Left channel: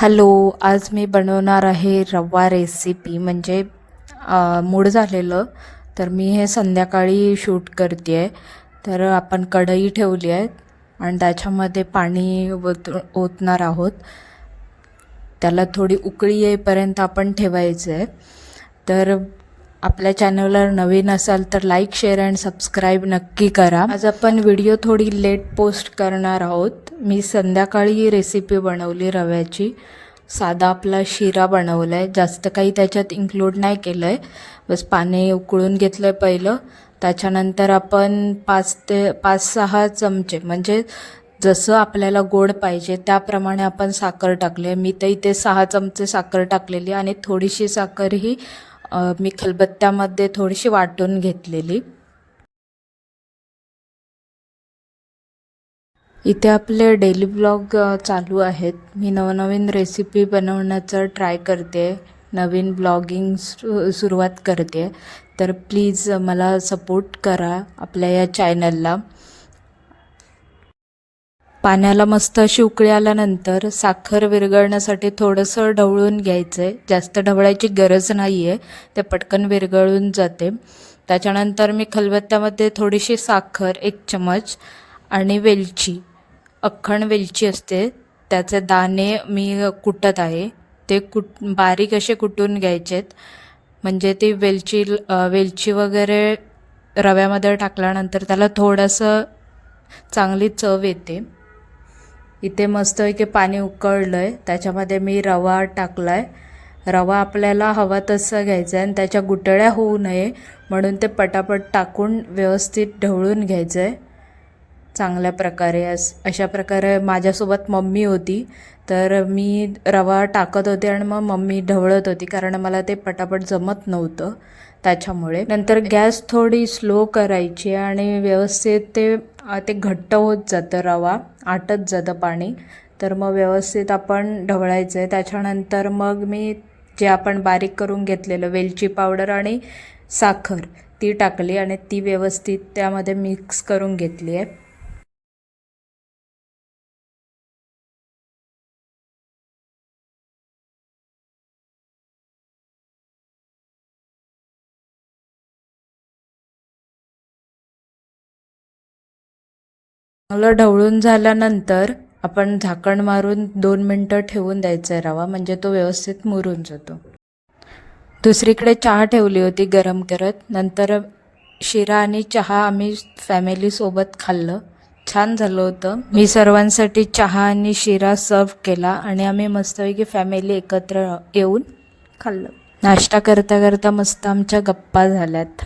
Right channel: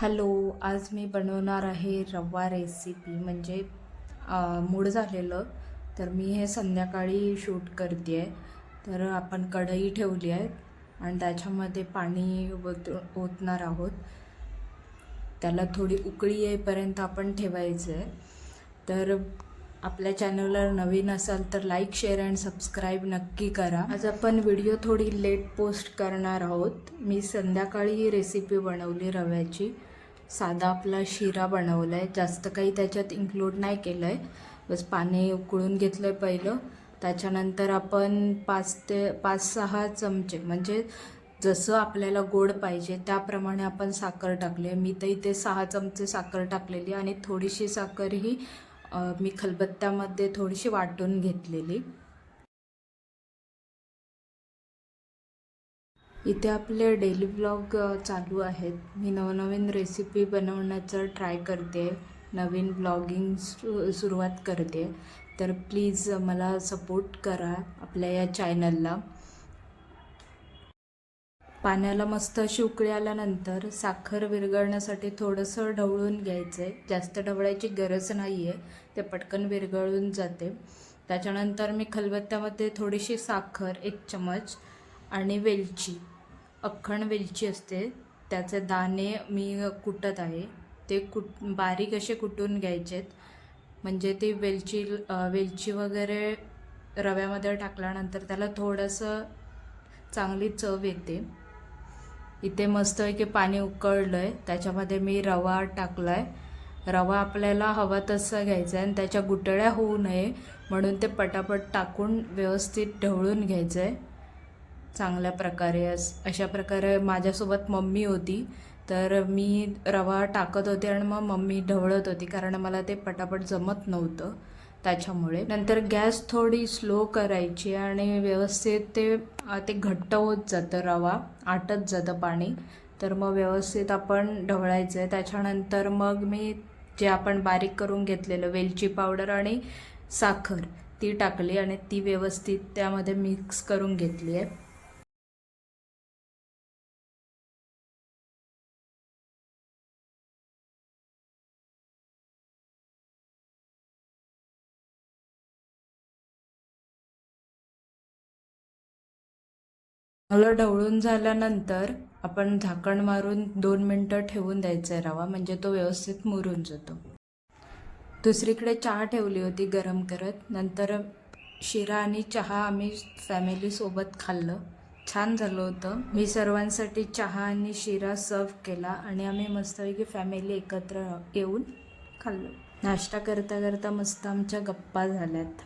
Hello आज मी बनवणार आहे रवा रेसिपी म्हणजे मूड झालेलं. तर मी हे संध्याकाळी शूट करते आहे तर आपण कढई ठेवली आहे आणि त्याच्यामध्ये पाणी ओत ओतणार आहोत. त्याला थोडी उकळी येईपर्यंत आपण ठेवायचं आहे तर आपल्या चॅनलवर नवीन असाल तर लाईक शेअर अँड सबस्क्राईब नक्की करा. आज आपण व्हिडिओ थोडी लेट पोस्ट करणार आहोत. मी संध्याकाळी ही रेसिपी बनवली रव्याची. साधा आपला शिरा बनवला आहे जास्त काही त्याच्यात इन्क्लूड नाही केलं आहे बस पाणी उकळून घेतलं आहे पहिलं. त्याच्यानंतर आपण पाच ते पाच सहा चमचे म्हणजे जसं आपल्याला गोड पाहिजे त्याप्रमाणे आपण साखर टाकली आहे. मी तर इथे सहा चमचे साखर टाकलेली आणि थोडीशी साखर ही मी खलबत्त्यामध्ये थोडीशी वाटून घेतलेली. इथे आपले डेली ब्लॉग चालू आहेत. मी नवनवीन रेसिपी बनवण्याचं ट्राय करते. नवीन ब्लॉगिंग सु सुरुवात करते. तर प्लीज मला सपोर्ट करा आपल्या या चॅनलला. पाण्याला मस्त अशी उकळी आल्यानंतर साखर विरघळण्यासाठी थोडंसं ढवळून घ्यायचं आहे जास्त ढवळायची गरज नाही आहे ते पटकन विरघळून जाते. त्याच्यानंतर मी खलबत्त्यामध्ये थोडीशी साखर एक चमच आणि वेलची अख्खण वेलची असते. त्याचे दाणे मी कुटत आहे. ते कुट बारीक असे कुटून घ्यायचेत. म्हणजे ती वेलची वेलची वगैरे रव्यामध्ये टाकल्यानंतर त्याला थोडंसं चांगली चव येते. इथे मस्तपैकी पाणी उकळलं आहे त्याच्यामध्ये मी रवा टाकला आहे रवा आपल्याला हवा तसा घ्यायचा आहे आणि त्याच्या गुटळ्या होऊ नये म्हणून ते पटापट टाकून व्यवस्थित ढवळून घ्यायचं आहे चांगल्या प्रकारे अशा प्रकारे माझ्यासोबत मम्मी होती. तर मी रवा टाकत होते आणि मग मम्मी ढवळत होती कारण मला ते पटापट जमत नव्हतं. त्याच्यामुळे नंतर गॅस थोडी स्लो करायची आणि व्यवस्थित ते ते घट्ट होत जातं रवा आटत जातं पाणी. तर मग व्यवस्थित आपण ढवळायचं आहे त्याच्यानंतर मग मी जे आपण बारीक करून घेतलेलं वेलची पावडर आणि साखर ती टाकली आणि ती व्यवस्थित त्यामध्ये मिक्स करून घेतली आहे चांगलं ढवळून झाल्यानंतर आपण झाकण मारून दोन मिनटं ठेवून द्यायचा आहे रवा म्हणजे तो व्यवस्थित मुरून जातो. दुसरीकडे चहा ठेवली होती गरम करत. नंतर शिरा आणि चहा आम्ही फॅमिलीसोबत खाल्लं. छान झालं होतं. मी सर्वांसाठी चहा आणि शिरा सर्व केला आणि आम्ही मस्तपैकी फॅमिली एकत्र येऊन खाल्लं. नाश्ता करता करता मस्त आमच्या गप्पा झाल्यात.